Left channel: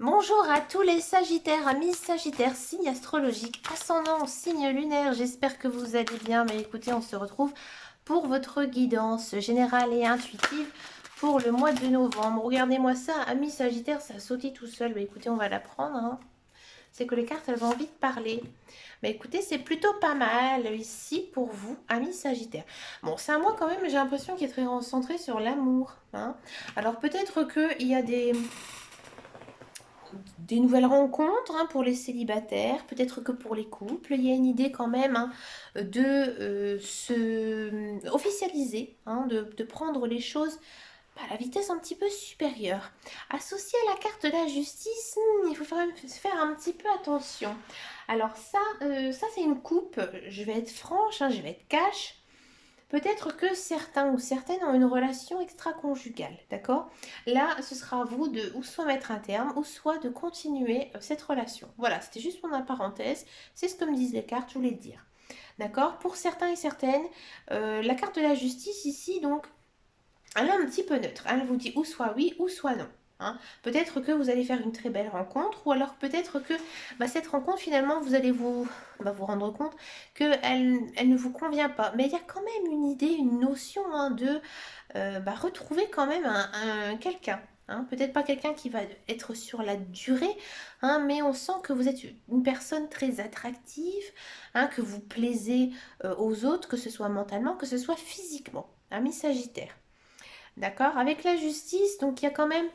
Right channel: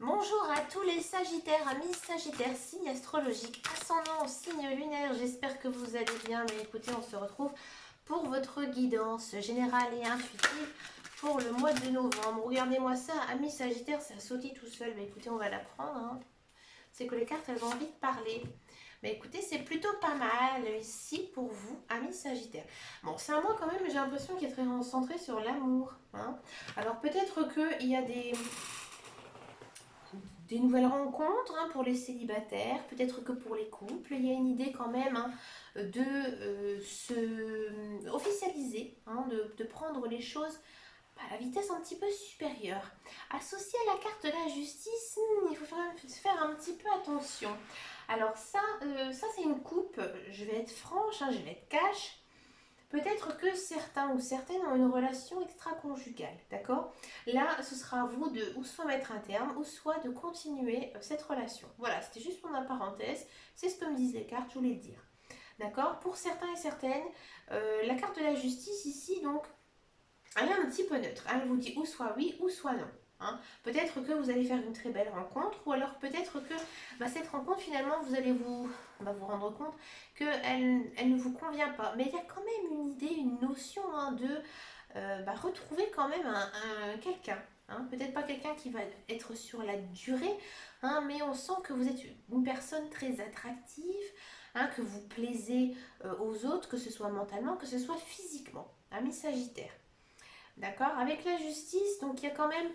Bonjour à tous les Sagittaires, amis Sagittaires, signe astrologique, ascendant, signe lunaire, j'espère que vous allez bien. Mais écoutez, on se retrouve pour votre guidance générale et intuitive pour le mois de novembre. Regardez-moi ça, amis Sagittaires, ça a sauté tout seul. Mais écoutez, on va la prendre, hein. C'est que les cartes, elles ont envie de parler. Mais écoutez, c'est plutôt pas mal ici pour vous, amis Sagittaires. Bon, c'est un mois quand même, j'ai l'impression qu'il est très centré sur l'amour, hein. Alors peut-être qu'il y a des nouvelles rencontres, hein, pour les célibataires, peut-être que pour les couples, il y a une idée quand même, hein, de se officialiser, hein, de prendre les choses à la vitesse un petit peu supérieure. Associé à la carte de la justice, il faut quand même faire un petit peu attention. Alors ça c'est une coupe, je vais être franche, hein, je vais être cash. Peut-être que certains ou certaines ont une relation extra-conjugale, d'accord? Là, ce sera à vous de ou soit mettre un terme, ou soit de continuer cette relation. Voilà, c'était juste mon parenthèse. C'est ce que me disent les cartes, je voulais le dire. D'accord? Pour certains et certaines, la carte de la justice ici, donc, elle est un petit peu neutre. Elle vous dit ou soit oui ou soit non. Hein. Peut-être que vous allez faire une très belle rencontre, ou alors peut-être que cette rencontre, finalement, vous allez vous rendre compte qu'elle elle ne vous convient pas. Mais il y a quand même une idée, une notion, hein, de retrouver quand même quelqu'un. Hein. Peut-être pas quelqu'un qui va être sur la durée, hein, mais on sent que vous êtes une personne très attractive, hein, que vous plaisez aux autres, que ce soit mentalement, que ce soit physiquement. Ami Sagittaire. D'accord? Avec la justice, donc il y a quand même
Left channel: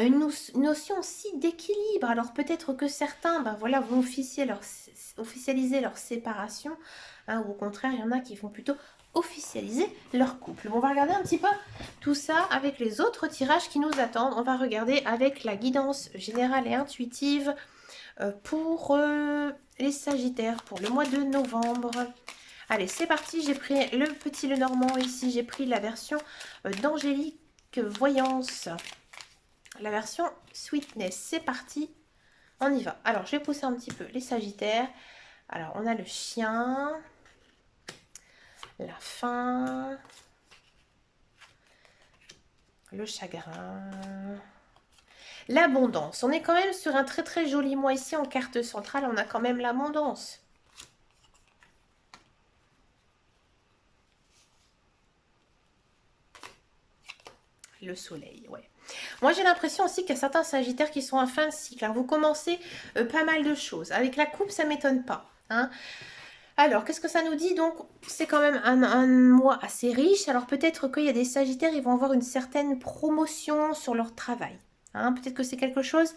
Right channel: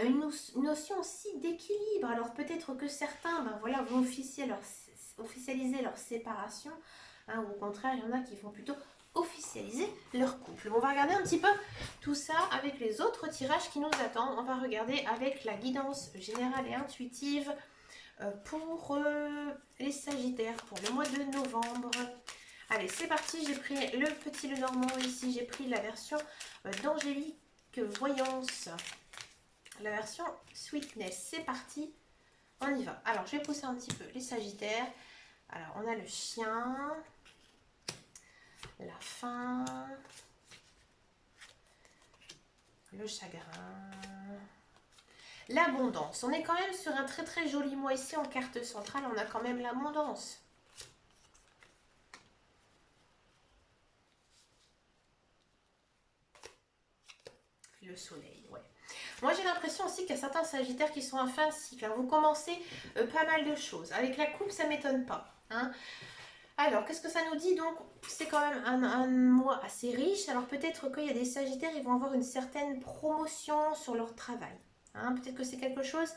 une notion aussi d'équilibre. Alors peut-être que certains voilà, vont officialiser leur séparation, hein, ou au contraire, il y en a qui vont plutôt officialiser leur couple. On va regarder un petit peu tout ça avec les autres tirages qui nous attendent. On va regarder avec la guidance générale et intuitive pour les Sagittaires pour le mois de novembre. Allez, c'est parti, j'ai pris le petit Lenormand ici, j'ai pris la version d'Angélique Voyance, la version Sweetness. C'est parti, on y va. Alors, je vais pousser un petit peu les Sagittaires. Alors, on a le chien, la faim, le chagrin, l'abondance. On est quand même sur un très très joli mois ici en carte centrale, on a quand même l'abondance. Le soleil, ouais. Moi, j'ai l'impression aussi qu'il y a certains sagittaires qui sont en fin de cycle, hein. Vous commencez pas mal de choses. Avec la coupe, ça m'étonne pas, hein. Alors, qu'est-ce que ça nous dit? Donc, c'est quand même un mois assez riche. Alors, peut-être qu'il y a des sagittaires, ils vont avoir une certaine promotion sur leur travail, hein. Peut-être que c'est quelque chose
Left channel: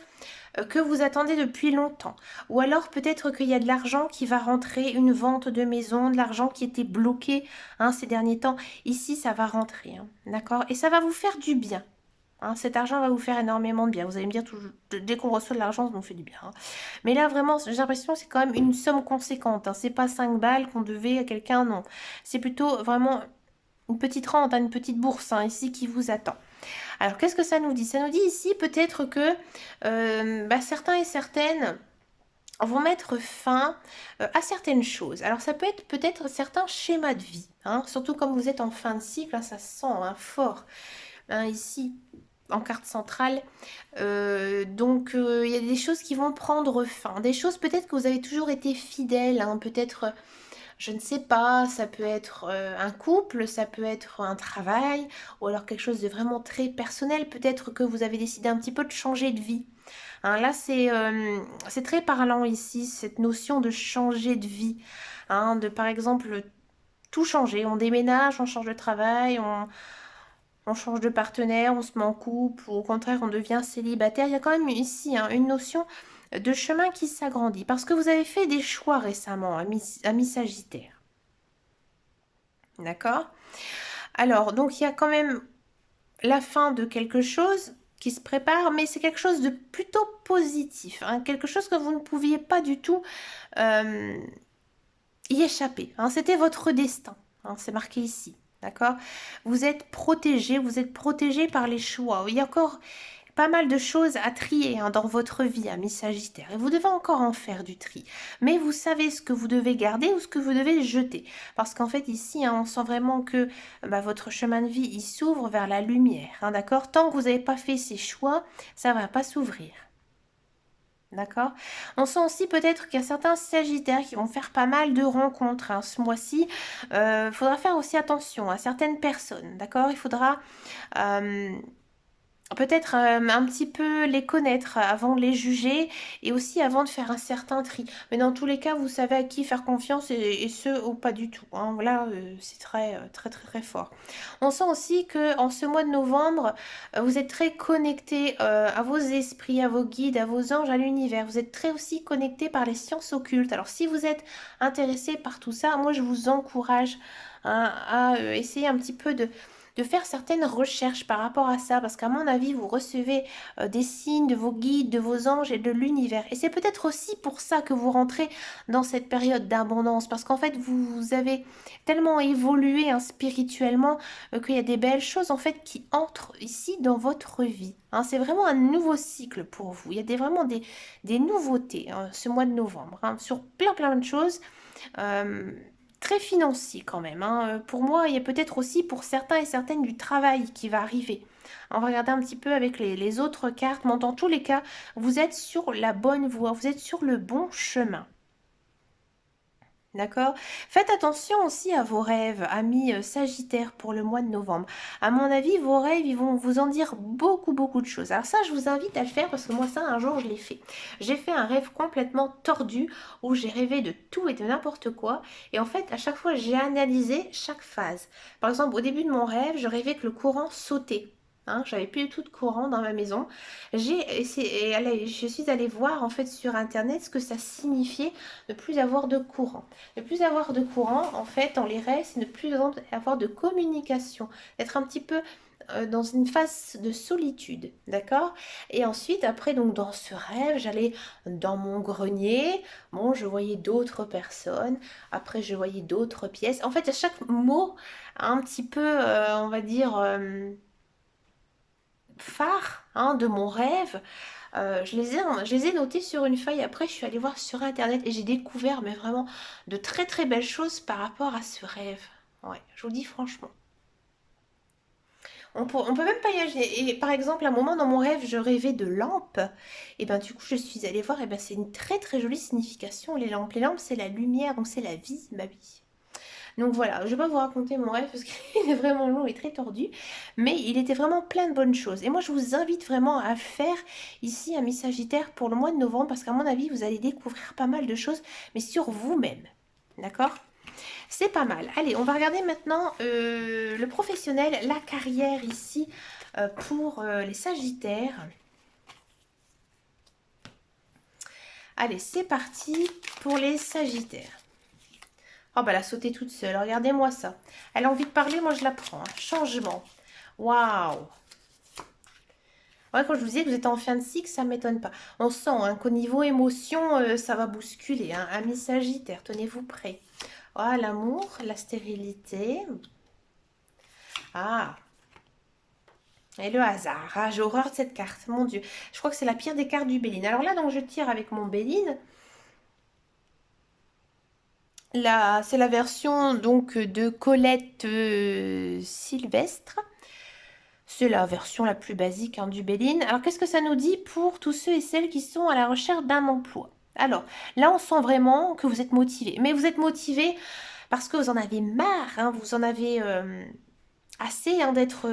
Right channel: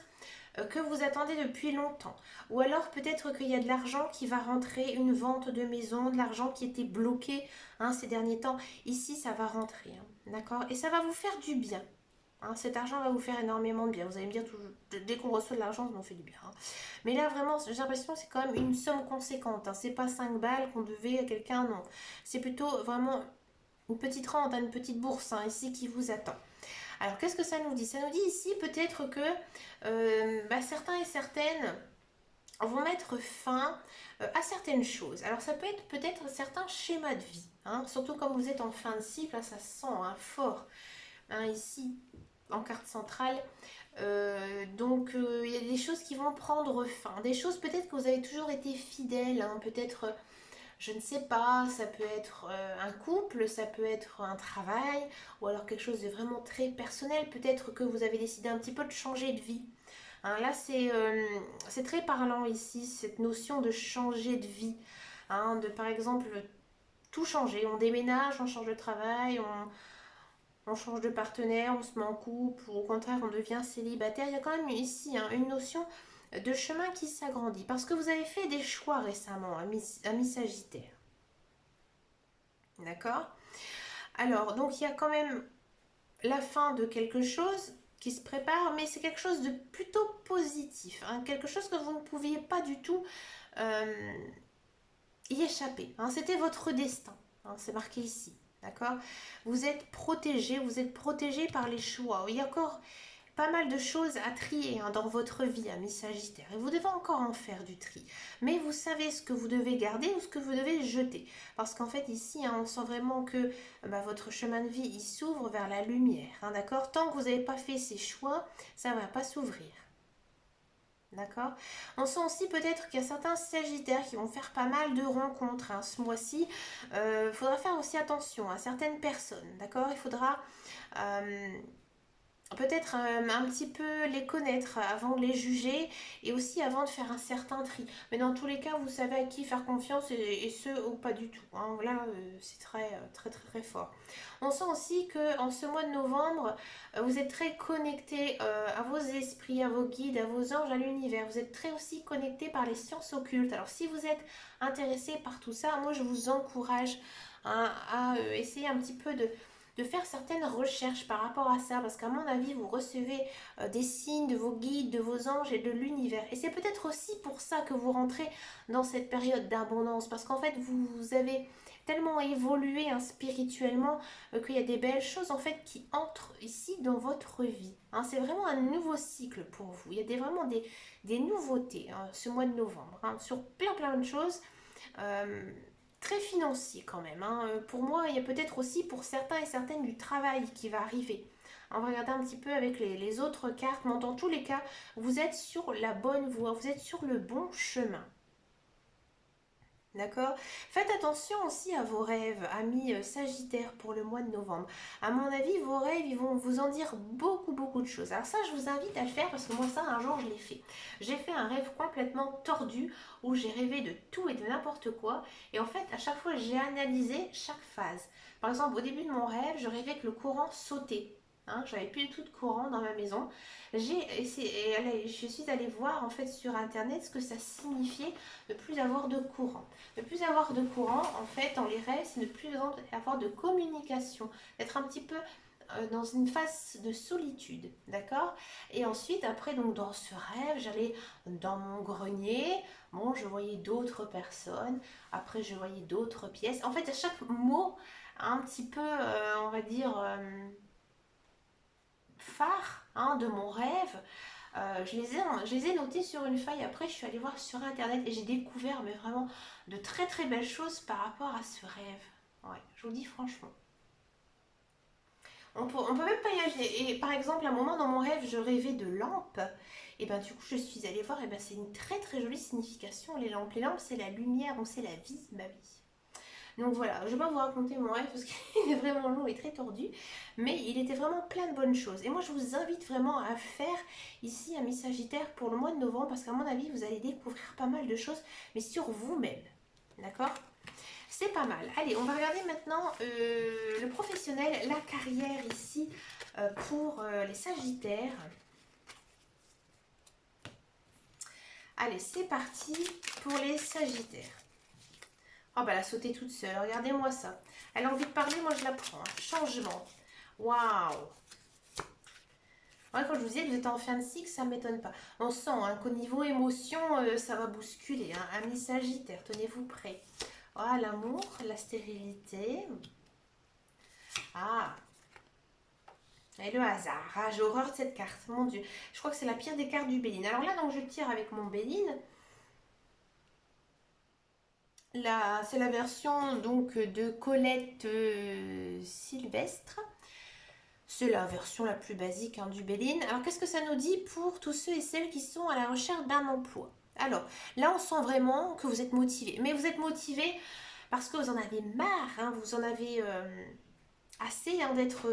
que vous attendez depuis longtemps. Ou alors peut-être qu'il y a de l'argent qui va rentrer, une vente de maison, de l'argent qui était bloqué, hein, ces derniers temps. Ici, ça va rentrer, hein, d'accord? Et ça va vous faire du bien. Hein, cet argent va vous faire énormément de bien. Vous allez me dire, dès qu'on reçoit de l'argent, ça nous fait du bien, hein. Mais là, vraiment, j'ai l'impression que c'est quand même une somme conséquente, hein. C'est pas 5 balles qu'on devait à quelqu'un, non. C'est plutôt vraiment une petite rente, hein, une petite bourse, hein, ici qui vous attend. Alors, qu'est-ce que ça nous dit? Ça nous dit ici peut-être que certains et certaines vont mettre fin à certaines choses. Alors, ça peut être peut-être certains schémas de vie, hein, surtout comme vous êtes en fin de cycle, hein, ça se sent, hein, fort, hein, ici en carte centrale. Donc, il y a des choses qui vont prendre fin. Des choses peut-être que vous avez toujours été fidèle, hein, peut-être je ne sais pas, ça peut être un couple, ça peut être un travail, ou alors quelque chose de vraiment très personnel. Peut-être que vous avez décidé un petit peu de changer de vie. Hein, là, c'est très parlant ici, cette notion de changer de vie. Hein, de par exemple tout changer. On déménage, on change de travail, on change de partenaire, on se met en couple, ou au contraire, on devient célibataire. Il y a quand même ici, hein, une notion de chemin qui s'agrandit. Parce que vous avez fait des choix récemment, amis Sagittaire. D'accord? Alors, donc il y a quand même la fin de quelque chose qui se prépare, mais c'est quelque chose de plutôt positif, hein, quelque chose que vous ne pouviez pas du tout euh, y échapper, hein. C'était votre destin, hein, c'est marqué ici. D'accord? Vous êtes protégé par les choix. Il y a encore pas mal de choses à trier, hein, dans votre vie, amis Sagittaire. Et vous devez encore en faire du tri. Mais vous savez ce que vous devez garder ou ce que vous devez jeter. Parce qu'en fait, ici, hein, on sent vraiment que votre chemin de vie, il s'ouvre vers la lumière. Hein, d'accord? Tant que vous n'avez pas fait ces choix, ça ne va pas s'ouvrir. D'accord? On sent aussi peut-être qu'il y a certains sagittaires qui vont faire pas mal de rencontres hein, ce mois-ci. Il faudra faire aussi attention à certaines personnes, d'accord? Il faudra euh, peut-être un petit peu les connaître avant de les juger et aussi avant de faire un certain tri. Mais dans tous les cas, vous savez à qui faire confiance et ce ou pas du tout. Hein. Voilà, c'est très fort. On sent aussi que en ce mois de novembre, vous êtes très connecté à vos esprits, à vos guides, à vos anges, à l'univers. Vous êtes très aussi connecté par les sciences occultes. Alors si vous êtes intéressé par tout ça, moi je vous encourage hein, à essayer un petit peu de faire certaines recherches par rapport à ça, parce qu'à mon avis, vous recevez des signes de vos guides, de vos anges et de l'univers. Et c'est peut-être aussi pour ça que vous rentrez dans cette période d'abondance, parce qu'en fait, vous avez tellement évolué hein, spirituellement qu'il y a des belles choses en fait qui entrent ici dans votre vie. Hein. C'est vraiment un nouveau cycle pour vous. Il y a vraiment des nouveautés hein, ce mois de novembre, hein, sur plein de choses. Euh, Très financier quand même. Hein. Pour moi, il y a peut-être aussi pour certains et certaines du travail qui va arriver. On va regarder un petit peu avec les autres cartes, mais dans tous les cas, vous êtes sur la bonne voie, vous êtes sur le bon chemin. D'accord? Faites attention aussi à vos rêves, amis Sagittaires, pour le mois de novembre. À mon avis, vos rêves, ils vont vous en dire beaucoup de choses. Alors ça, je vous invite à le faire parce que moi, ça, un jour, je l'ai fait. J'ai fait un rêve complètement tordu où j'ai rêvé de tout et de n'importe quoi. Et en fait, à chaque fois, j'ai analysé chaque phase. Par exemple, au début de mon rêve, je rêvais que le courant sautait. Hein, j'avais plus du tout de courant dans ma maison. Je suis allée voir en fait sur internet ce que ça signifiait de plus avoir de courant. Ne plus avoir de courant, en fait, dans les rêves, c'est ne plus avoir de communication, d'être un petit peu dans une phase de solitude, d'accord? Et ensuite, après, donc dans ce rêve, j'allais dans mon grenier, bon, je voyais d'autres personnes, après je voyais d'autres pièces. En fait, à chaque mot, un petit peu, on va dire, phare hein, de mon rêve, je les ai notés sur une feuille. Après, je suis allée voir sur internet et j'ai découvert mais vraiment de très belles choses par rapport à ce rêve. Ouais, je vous dis franchement. On peut même pas imaginer. Et par exemple, à un moment dans mon rêve, je rêvais de lampes. Et ben du coup, je suis allée voir. Et ben c'est une très jolie signification. Les lampes, c'est la lumière, donc c'est la vie, ma vie. Donc voilà, je ne vais pas vous raconter mon rêve parce qu'il est vraiment long et très tordu, mais il était vraiment plein de bonnes choses. Et moi, je vous invite vraiment à faire ici un Miss Sagittaire pour le mois de novembre parce qu'à mon avis, vous allez découvrir pas mal de choses, mais sur vous-même. D'accord? C'est pas mal. Allez, on va regarder maintenant le professionnel, la carrière ici pour les Sagittaires. Allez, c'est parti pour les Sagittaires. Oh bah elle a sauté toute seule, regardez-moi ça. Elle a envie de parler, moi je la prends. Hein. Changement. Waouh. Ouais, quand je vous disais que vous êtes en fin de cycle, ça ne m'étonne pas. On sent hein, qu'au niveau émotion, ça va bousculer. Hein. Amis Sagittaire, tenez-vous prêts. Ah, l'amour, la stérilité. Ah, et le hasard. Ah, j'ai horreur de cette carte, mon Dieu. Je crois que c'est la pire des cartes du Béline. Alors là, donc je tire avec mon Béline. C'est la version donc de Colette Sylvestre. C'est la version la plus basique hein, du Béline. Alors qu'est-ce que ça nous dit pour tous ceux et celles qui sont à la recherche d'un emploi? Alors là, on sent vraiment que vous êtes motivé. Mais vous êtes motivé parce que vous en avez marre, hein, vous en avez assez hein, d'être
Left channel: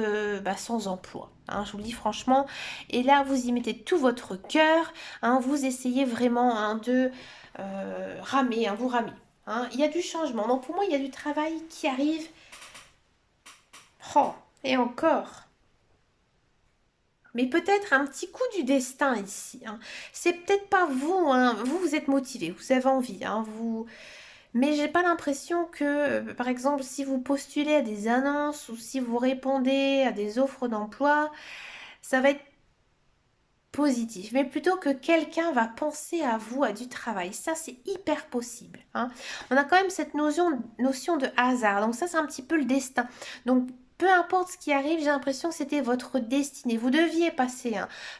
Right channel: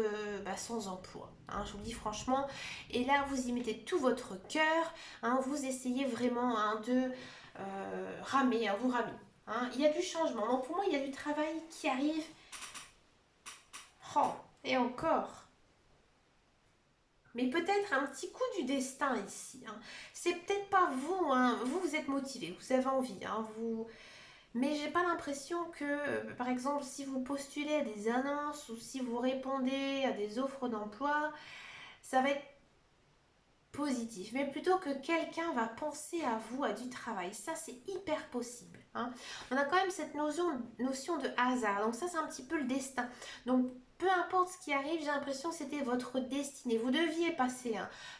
sans emploi. Hein, je vous le dis franchement. Et là, vous y mettez tout votre cœur. Hein, vous essayez vraiment hein, de ramer, hein, vous ramez. Hein. Il y a du changement. Donc pour moi, il y a du travail qui arrive. Oh, et encore. Mais peut-être un petit coup du destin ici. Hein. C'est peut-être pas vous, hein. Vous êtes motivé, vous avez envie, hein, vous. Mais j'ai pas l'impression que, par exemple, si vous postulez à des annonces ou si vous répondez à des offres d'emploi, ça va être positif. Mais plutôt que quelqu'un va penser à vous, à du travail. Ça, c'est hyper possible. Hein. On a quand même cette notion de hasard. Donc ça, c'est un petit peu le destin. Donc peu importe ce qui arrive, j'ai l'impression que c'était votre destinée. Vous deviez passer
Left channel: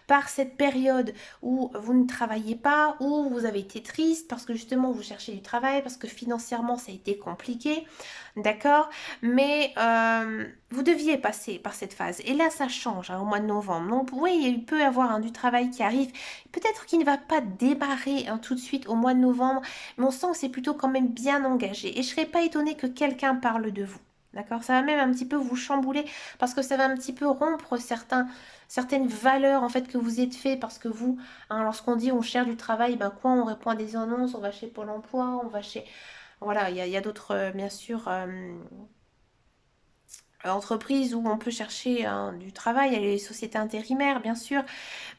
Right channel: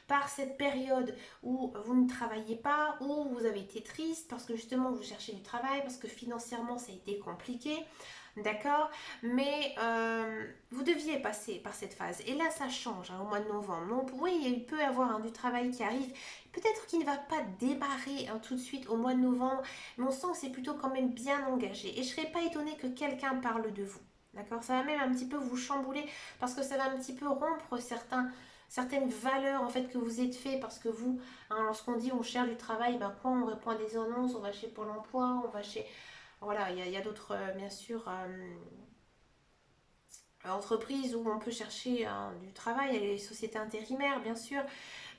par cette période où vous ne travaillez pas, où vous avez été triste parce que justement vous cherchez du travail, parce que financièrement ça a été compliqué, d'accord? Mais vous deviez passer par cette phase. Et là ça change au mois de novembre. Donc oui, il peut y avoir du travail qui arrive. Peut-être qu'il ne va pas démarrer tout de suite au mois de novembre, mais on sent que c'est plutôt quand même bien engagé. Et je ne serais pas étonnée que quelqu'un parle de vous. D'accord? Ça va même un petit peu vous chambouler parce que ça va un petit peu rompre certaines valeurs en fait que vous êtes fait parce que vous, lorsqu'on dit on cherche du travail, ben quoi, on répond à des annonces, on va chez Pôle emploi, on va chez... Voilà, il y a d'autres, bien sûr, entreprises où on peut chercher du travail, il y a les sociétés intérimaires, bien sûr,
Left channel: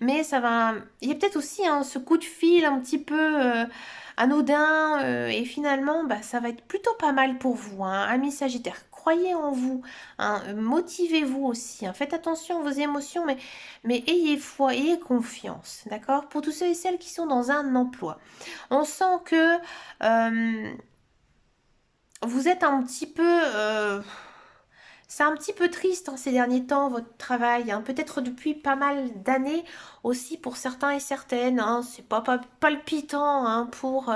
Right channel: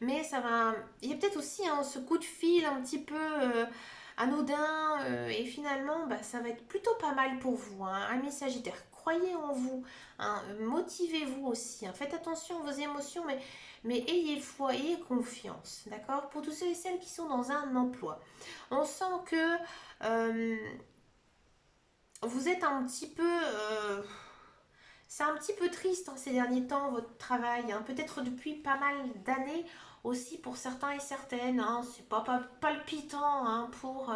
mais ça va... Il y a peut-être aussi ce coup de fil un petit peu anodin et finalement, bah, ça va être plutôt pas mal pour vous, amis Sagittaire. Croyez en vous, motivez-vous aussi, faites attention à vos émotions, mais ayez foi, ayez confiance, d'accord? Pour tous ceux et celles qui sont dans un emploi, on sent que vous êtes un petit peu... c'est un petit peu triste ces derniers temps, votre travail, peut-être depuis pas mal d'années aussi pour certains et certaines. C'est pas palpitant pour...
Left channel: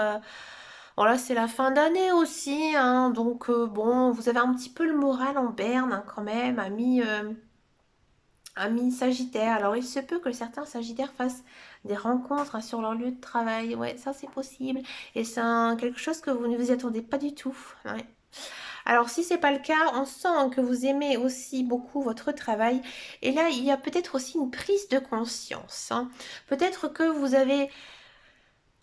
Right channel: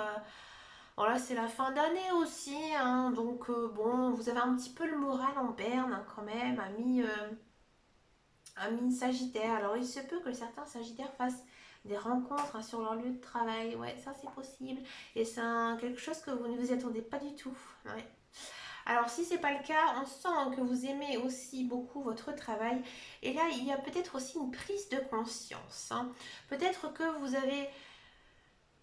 voilà, c'est la fin d'année aussi, donc bon, vous avez un petit peu le moral en berne quand même, amis Sagittaire. Alors il se peut que certains Sagittaires fassent des rencontres sur leur lieu de travail. Ouais, ça c'est possible. Et c'est quelque chose que vous ne vous y attendez pas du tout. Ouais. Alors si c'est pas le cas, on sent que vous aimez aussi beaucoup votre travail. Et là, il y a peut-être aussi une prise de conscience. Peut-être que vous avez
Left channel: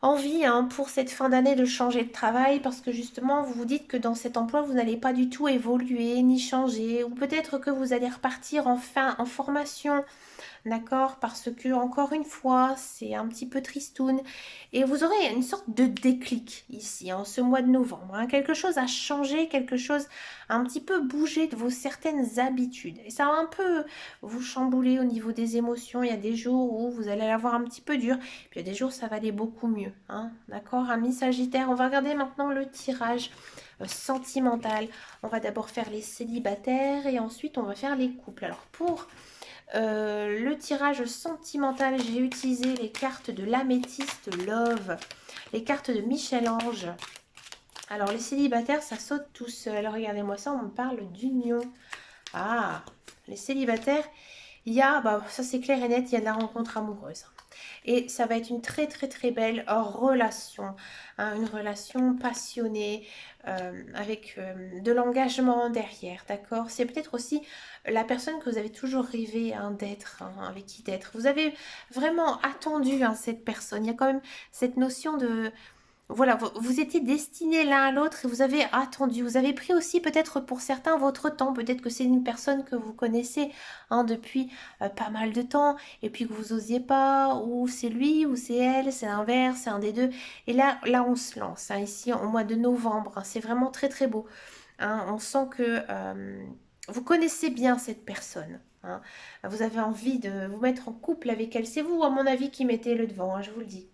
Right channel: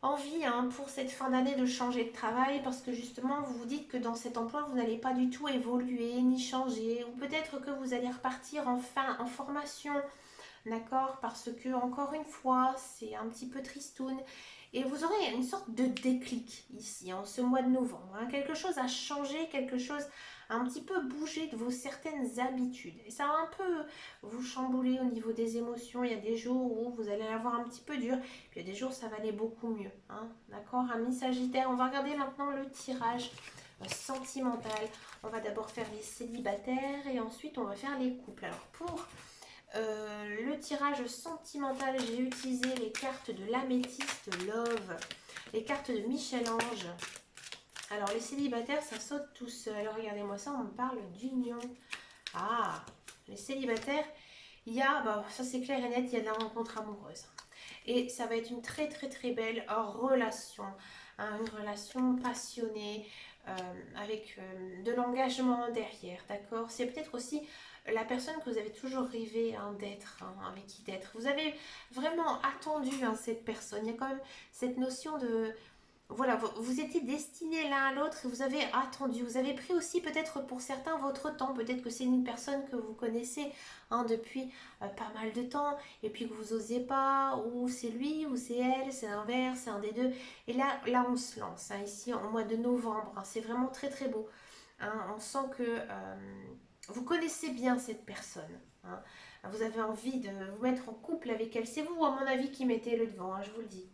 envie pour cette fin d'année de changer de travail parce que justement vous vous dites que dans cet emploi vous n'allez pas du tout évoluer ni changer ou peut-être que vous allez repartir enfin en formation. D'accord? Parce que, encore une fois, c'est un petit peu tristoun. Et vous aurez une sorte de déclic ici, en ce mois de novembre. Quelque chose a changé, quelque chose a un petit peu bougé de vos certaines habitudes. Et ça va un peu vous chambouler au niveau des émotions. Il y a des jours où vous allez l'avoir un petit peu dur. Puis il y a des jours où ça va aller beaucoup mieux. D'accord, amis Sagittaire? On va regarder maintenant le tirage sentimental. On va d'abord faire les célibataires et ensuite on va faire les couples. Alors pour le tirage sentimental, j'ai utilisé les cartes de l'améthyste Love, les cartes de Michel-Ange. Alors les célibataires, ça saute tout seul. Regardez-moi ça, on me parle d'union. Ah, les célibataires, il y a, bah, ça c'est clair et net, il y a de la rencontre amoureuse. Et ça va être une très très très belle relation, une relation passionnée, avec de l'engagement derrière, d'accord? C'est peut-être aussi la personne que vous avez toujours rêvé d'être, avec qui d'être. Vous avez vraiment attendu cette personne. Il y a quand même cette notion de... Voilà, vous étiez destinés l'un à l'autre et vous avez attendu. Vous avez pris aussi peut-être pour certains votre temps. Peut-être que c'est une personne que vous connaissez depuis pas mal de temps et puis que vous osiez pas, ou c'est lui, ou c'est elle, c'est l'inverse, c'est un des deux. Et là on se lance, ici au mois de novembre. C'est vraiment très très beau. On sent que vous connaissez bien cette personne. Vous avez envie de vous mettre en couple avec elle. C'est vous, à mon avis, qui mettez le devant, je vous le dis.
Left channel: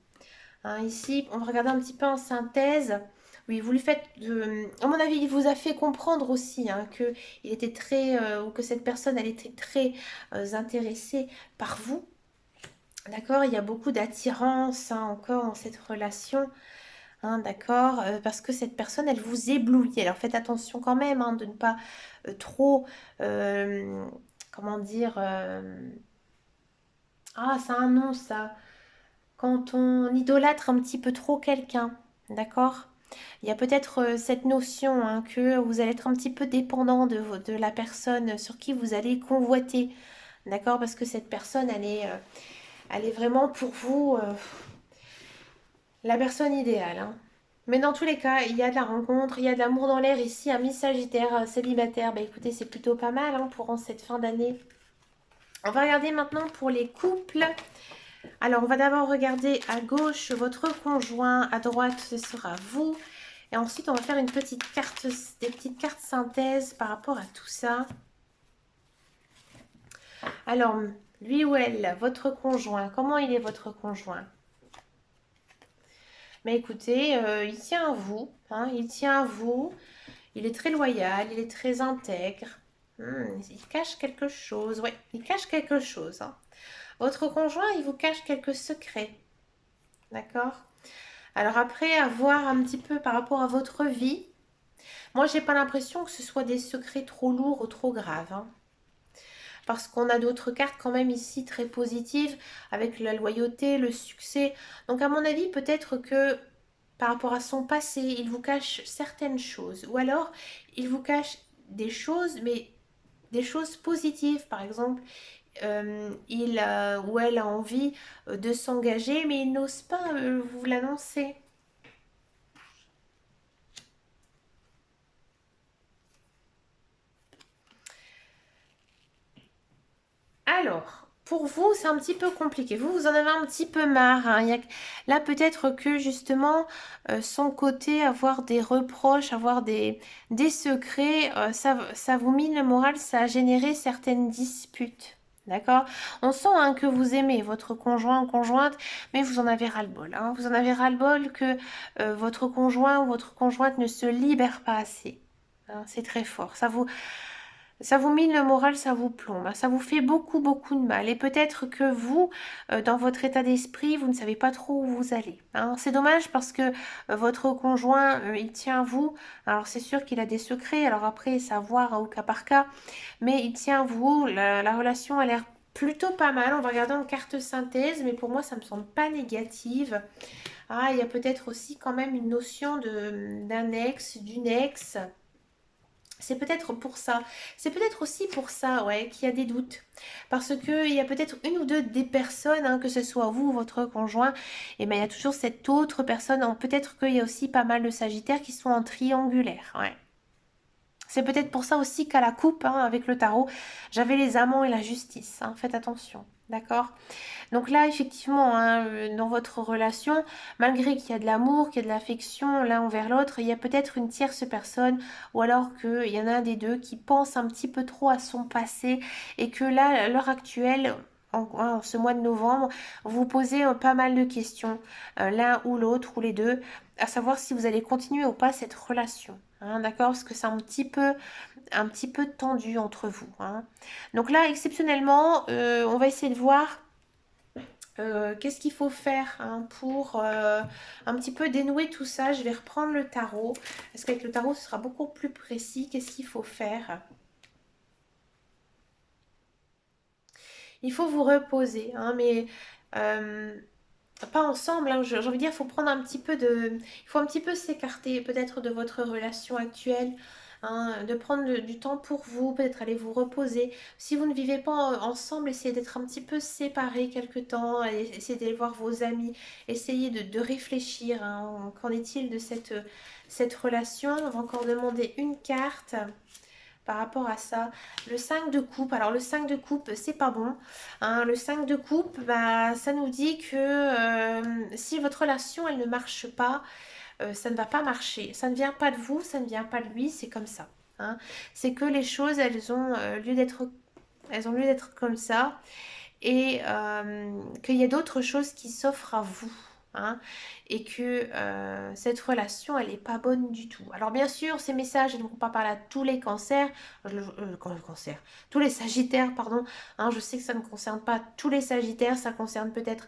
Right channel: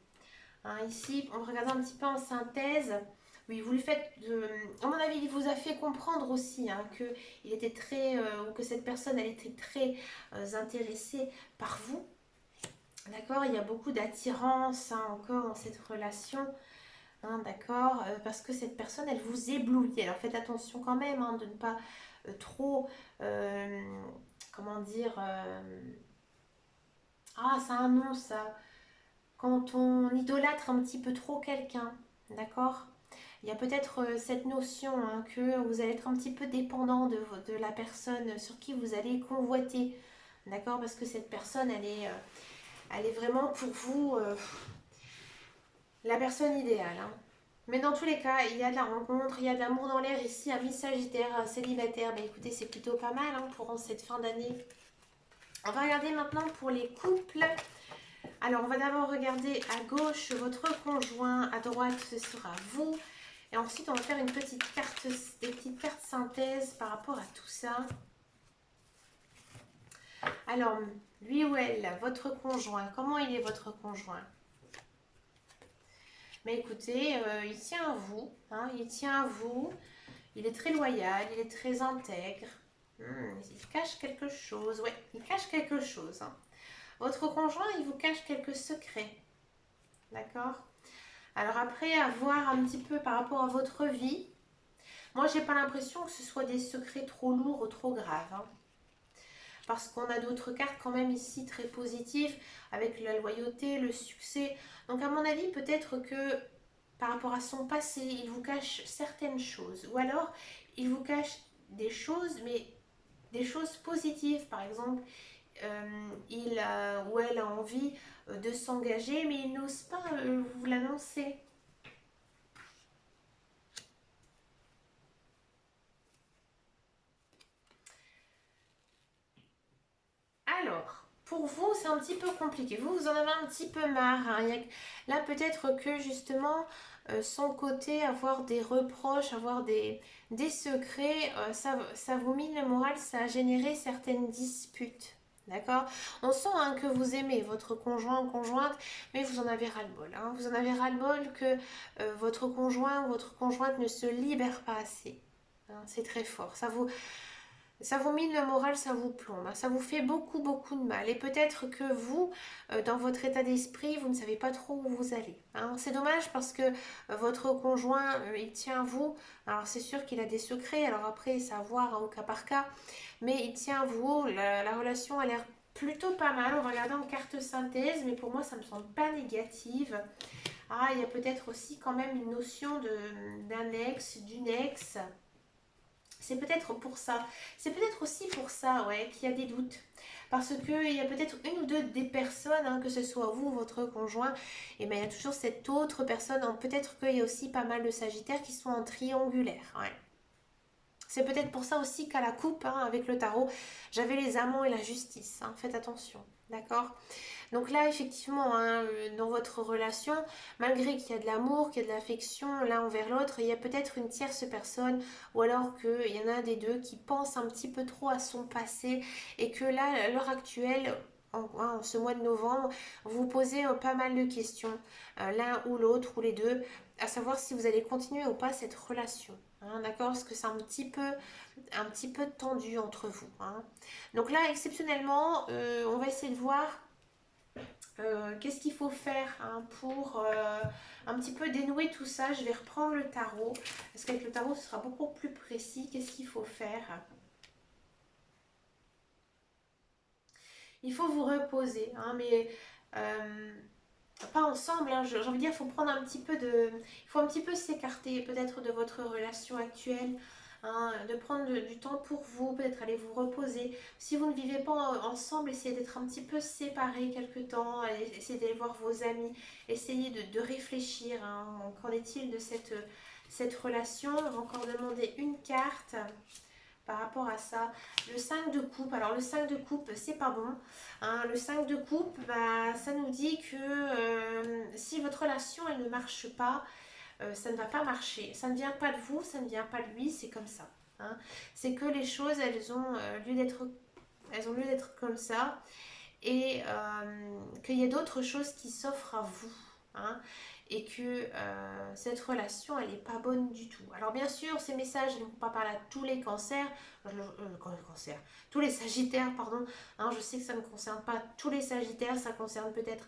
Ici, on va regarder un petit peu en synthèse. Oui, vous le faites, à mon avis, il vous a fait comprendre aussi que il était très, ou que cette personne, elle était très intéressée par vous. D'accord? Il y a beaucoup d'attirance encore dans cette relation. D'accord? Parce que cette personne, elle vous éblouit. Alors faites attention quand même de ne pas trop, comment dire, ah, ça a un nom ça. Quand on idolâtre un petit peu trop quelqu'un, d'accord? Il y a peut-être cette notion que vous allez être un petit peu dépendant de la personne sur qui vous allez convoiter, d'accord? Parce que cette personne, elle est vraiment pour vous la personne idéale. Mais dans tous les cas, il y a de la rencontre, il y a de l'amour dans l'air ici, un Miss Sagittaire célibataire. Bah écoutez, c'est plutôt pas mal pour cette fin d'année. On va regarder maintenant pour les couples. Alors, on va d'abord regarder à gauche votre conjoint, à droite ce sera vous. Et ensuite, on va faire une petite carte, des petites cartes synthèse par rapport à tout ça. Alors, lui ou elle, votre conjoint, comment il est votre conjoint? Mais écoutez, il tient à vous, il tient à vous. Il est très loyal, il est très intègre, Il cache quelque chose. Ouais, il cache quelque chose, hein. Votre conjoint, il vous cache quelques secrets. D'accord? Alors après, à voir un petit peu par rapport à votre vie. Moi, j'ai pas l'impression que ce soit des secrets trop lourds ou trop graves, hein. Parce qu'on a d'autres cartes quand même ici très positives avec la loyauté, le succès. Donc à mon avis, peut-être que par rapport à son passé, il vous cache certaines choses. Ou alors, il vous cache des choses, mais des choses positives. Par exemple, il ou elle a envie de s'engager, mais il n'ose pas vous l'annoncer. Alors, pour vous, c'est un petit peu compliqué. Vous en avez un petit peu marre, hein. Là, peut-être que justement, son côté, avoir des reproches, avoir des secrets, ça vous mine le moral, ça a généré certaines disputes. D'accord? On sent hein, que vous aimez votre conjoint ou conjointe, mais vous en avez ras-le-bol, hein. Vous en avez ras-le-bol que votre conjoint ou votre conjointe ne se libère pas assez, hein. C'est très fort. Ça vous mine le moral, ça vous plombe, hein, ça vous fait beaucoup, beaucoup de mal. Et peut-être que vous, dans votre état d'esprit, vous ne savez pas trop où vous allez, hein. C'est dommage parce que votre conjoint, il tient à vous. Alors c'est sûr qu'il a des secrets, alors après, c'est à voir hein, au cas par cas. Mais il tient à vous, la relation a l'air plutôt pas mal. On va regarder en carte synthèse, mais pour moi, ça ne me semble pas négative. Ah, il y a peut-être aussi quand même une notion d'un ex, d'une ex. C'est peut-être pour ça. C'est peut-être aussi pour ça, ouais, qu'il y a des doutes. Parce qu'il y a peut-être une ou deux des personnes, hein, que ce soit vous ou votre conjoint, et ben il y a toujours cette autre personne. Peut-être qu'il y a aussi pas mal de sagittaires qui sont en triangulaire, ouais. C'est peut-être pour ça aussi qu'à la coupe, hein, avec le tarot, j'avais les amants et la justice, hein. Faites attention, d'accord? Donc là, effectivement, hein, dans votre relation, malgré qu'il y a de l'amour, qu'il y a de l'affection l'un envers l'autre, il y a peut-être une tierce personne, ou alors qu'il y en a un des deux qui pense un petit peu trop à son passé, et que là, à l'heure actuelle, en ce mois de novembre, vous posez pas mal de questions, l'un ou l'autre, ou les deux, à savoir si vous allez continuer ou pas cette relation, hein, d'accord? Parce que c'est un petit peu tendu entre vous, hein. Donc là, exceptionnellement, on va essayer de voir qu'est-ce qu'il faut faire hein, pour un petit peu dénouer tout ça. Je vais reprendre le tarot. Parce qu'avec le tarot, ce sera beaucoup plus précis. Qu'est-ce qu'il faut faire? Il faut vous reposer. Hein, mais euh, pas ensemble. Hein, j'ai envie de dire, il faut prendre un petit peu de... Il faut un petit peu s'écarter peut-être de votre relation actuelle. Hein, de prendre du temps pour vous, peut-être aller vous reposer. Si vous ne vivez pas ensemble, essayez d'être un petit peu séparés quelque temps, essayez d'aller voir vos amis, essayez de réfléchir. Hein, qu'en est-il de cette relation? On va encore demander une carte par rapport à ça. Le 5 de coupe, alors le 5 de coupe, c'est pas bon. Hein, le 5 de coupe, bah, ça nous dit que si votre relation, elle ne marche pas, ça ne va pas marcher. Ça ne vient pas de vous, ça ne vient pas de lui, c'est comme ça. Hein. C'est que les choses, elles ont lieu d'être comme ça et qu'il y a d'autres choses qui s'offrent à vous. Hein, et que cette relation, elle n'est pas bonne du tout. Alors bien sûr, ces messages ne vont pas parler à tous les cancers, tous les sagittaires, pardon. Hein, je sais que ça ne concerne pas tous les sagittaires, ça concerne peut-être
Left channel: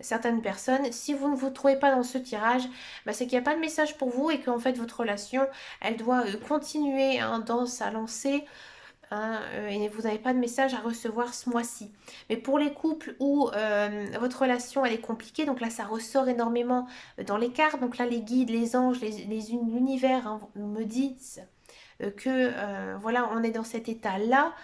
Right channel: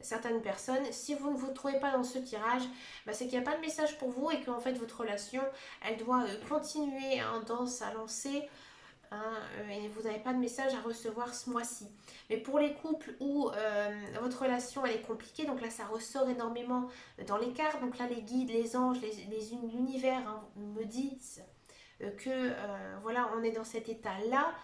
certaines personnes. Si vous ne vous trouvez pas dans ce tirage, bah, c'est qu'il n'y a pas de message pour vous et qu'en fait votre relation, elle doit continuer hein, dans sa lancée. Hein, et vous n'avez pas de message à recevoir ce mois-ci. Mais pour les couples où votre relation elle est compliquée, donc là ça ressort énormément dans les cartes, donc là les guides, les anges, l'univers hein, me disent que voilà on est dans cet état-là,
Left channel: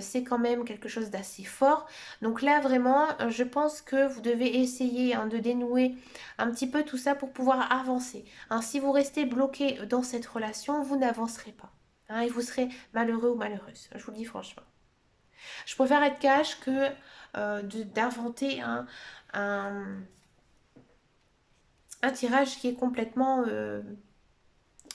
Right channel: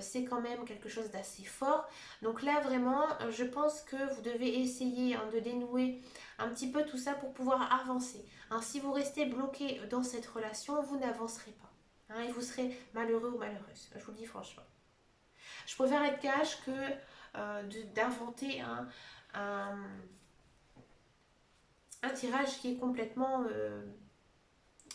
c'est quand même quelque chose d'assez fort. Donc là vraiment je pense que vous devez essayer hein, de dénouer un petit peu tout ça pour pouvoir avancer. Hein, si vous restez bloqué dans cette relation, vous n'avancerez pas. Hein, et vous serez malheureux ou malheureuse. Je vous le dis franchement. Je préfère être cash que d'inventer un, un tirage qui est complètement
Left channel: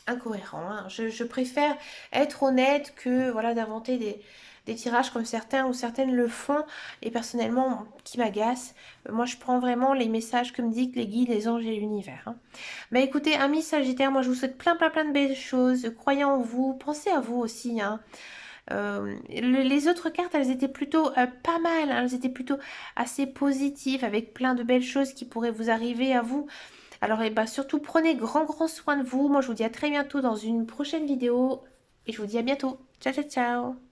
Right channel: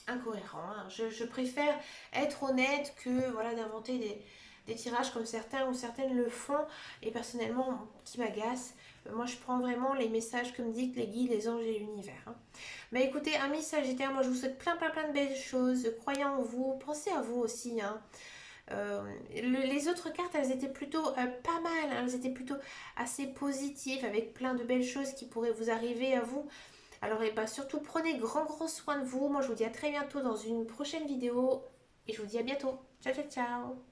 incohérent. Hein. Je préfère être honnête que voilà, d'inventer des tirages comme certains ou certaines le font et personnellement qui m'agacent. Moi je prends vraiment les messages que me disent les guides, les anges et l'univers. Hein. Mais écoutez, amis Sagittaires, moi je vous souhaite plein de belles choses. Croyez en vous, pensez à vous aussi. Hein. Les autres cartes, elles étaient plutôt pas mal, hein, elles étaient plutôt assez positives, avec plein de belles choses qui pourraient vous arriver à vous. Alors, et bah, surtout, prenez grand soin de vous. Moi, je vous dis à très bientôt dans une prochaine vidéo. Et je vous dis à bientôt. Ciao, ciao, ciao.